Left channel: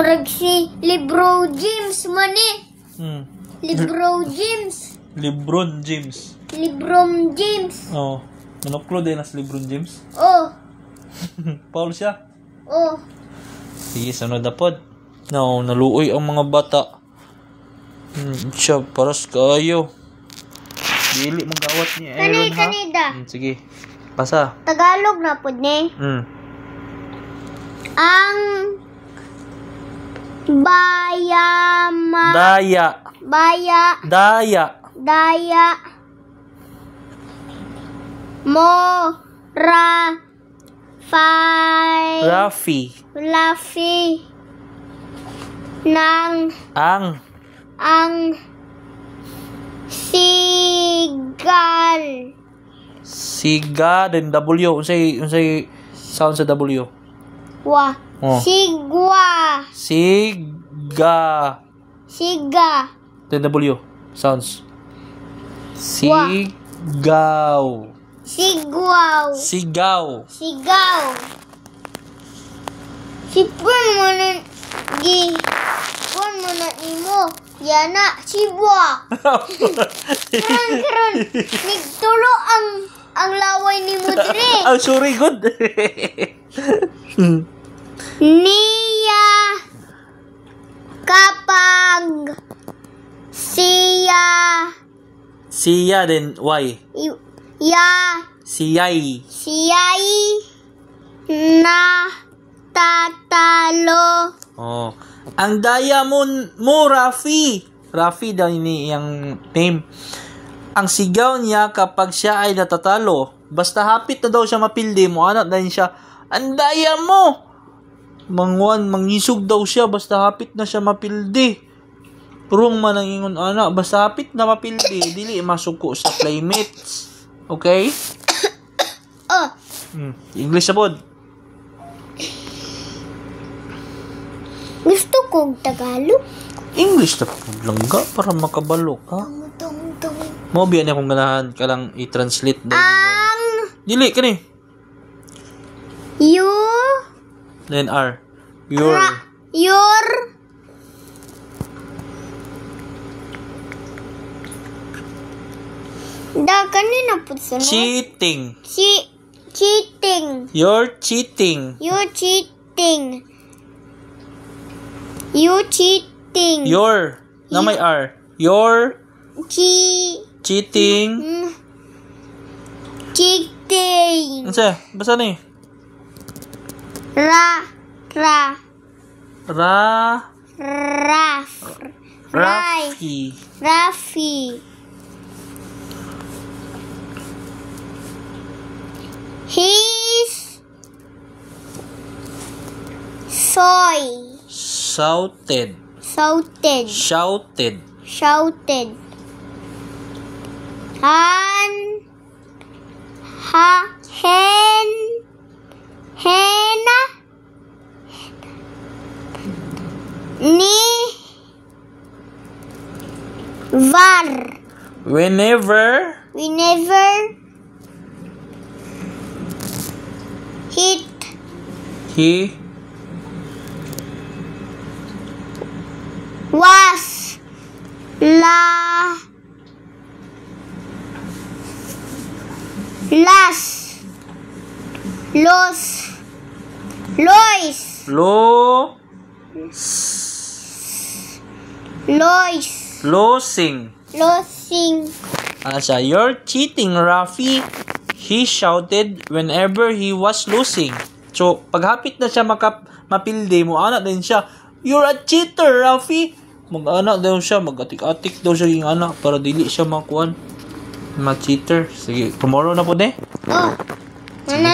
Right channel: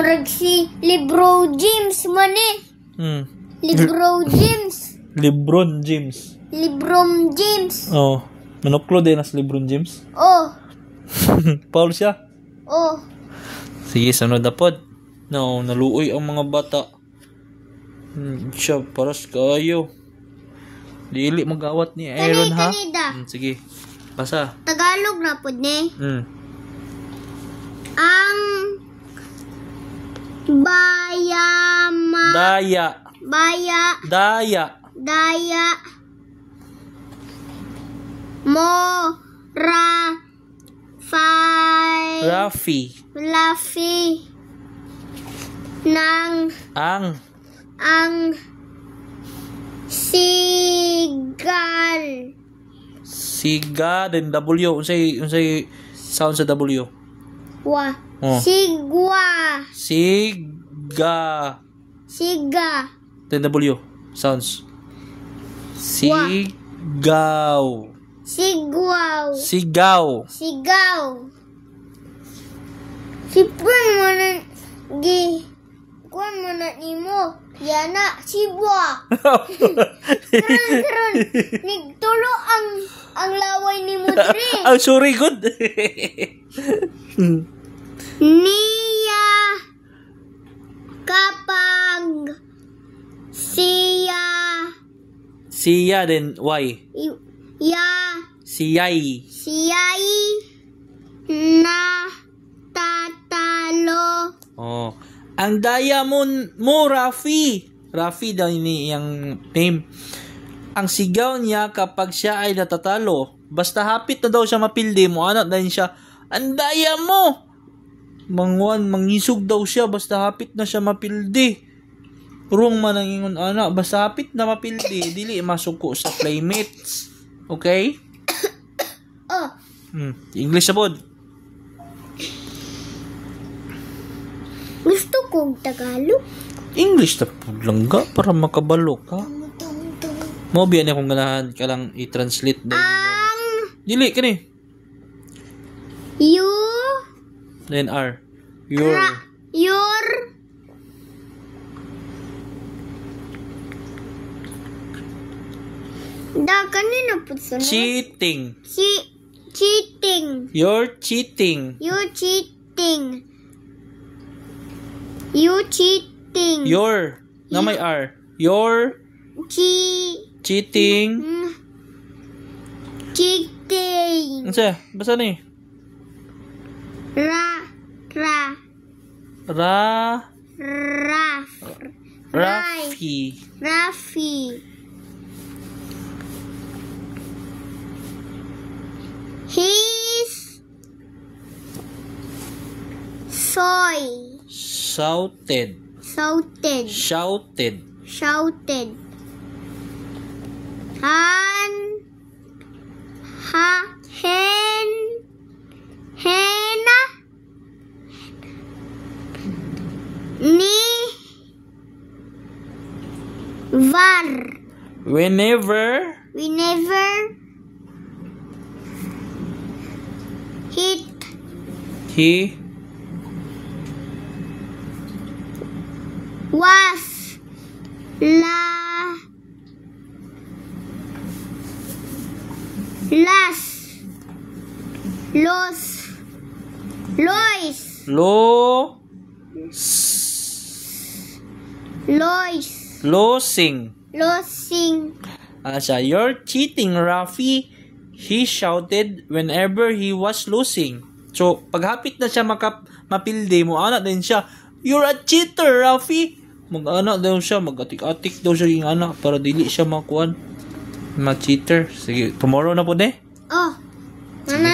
Murag si Libro James man eh. Libro James. Lebron James. Lebron James. Oh. Nanuklo din na si Lebron James. Oh. Paul siya. Oh. Sige, sunod na pod. No, naluoy ang mga bata. Siya, paras kayo. Dili mag-awat ni Aaron, ha? Kanida. Sige. Basa. Tagalog na pod ni. Ang Daya Rafi ng ang siga then W unsay sound sa W. Siga then W sounds. Sigaw. Sipon mo na nimo. Yana, sibwa. Karon nigtulo ang laway ni mo diri. Sorry, good. Niya kapag siya then Y. Siyay na tatalo. Oh. Ang diamond mo, Rafi daw ni yung name. Ang sigaw niya kapag siya ay natatalo. Basta hapit na daw siya mapildi mo, anak din siya, ang daya mo. Mangisog daw siya, basta hapit na siya mapildi. Rung man ang ingon, anak, basta hapit na mapildi, dili masuko sa playmates. Okay? English na pod. Gusto kong Tagalog. English na pod langga para makabalo ka. Mo biya na kung ganahan ka lang i-translate dili kani. You then R. Your kanina po sunod. Cheating. You're cheating. Your na may R. Your cheating. Unsa? Basa ni? Rafi. He's shouted. Hena ni var. Whenever he was losing. You're cheating, Rafi. He shouted whenever he was losing. So, paghapit na siya mapildi mo, anak din siya, you're a cheater, Rafi. Mag-anak daw siya, mag-atik-atik daw siya yung anak para dili siya makuan. Mag-cheater. Sige, tomorrow na po, ne? Oh. Na.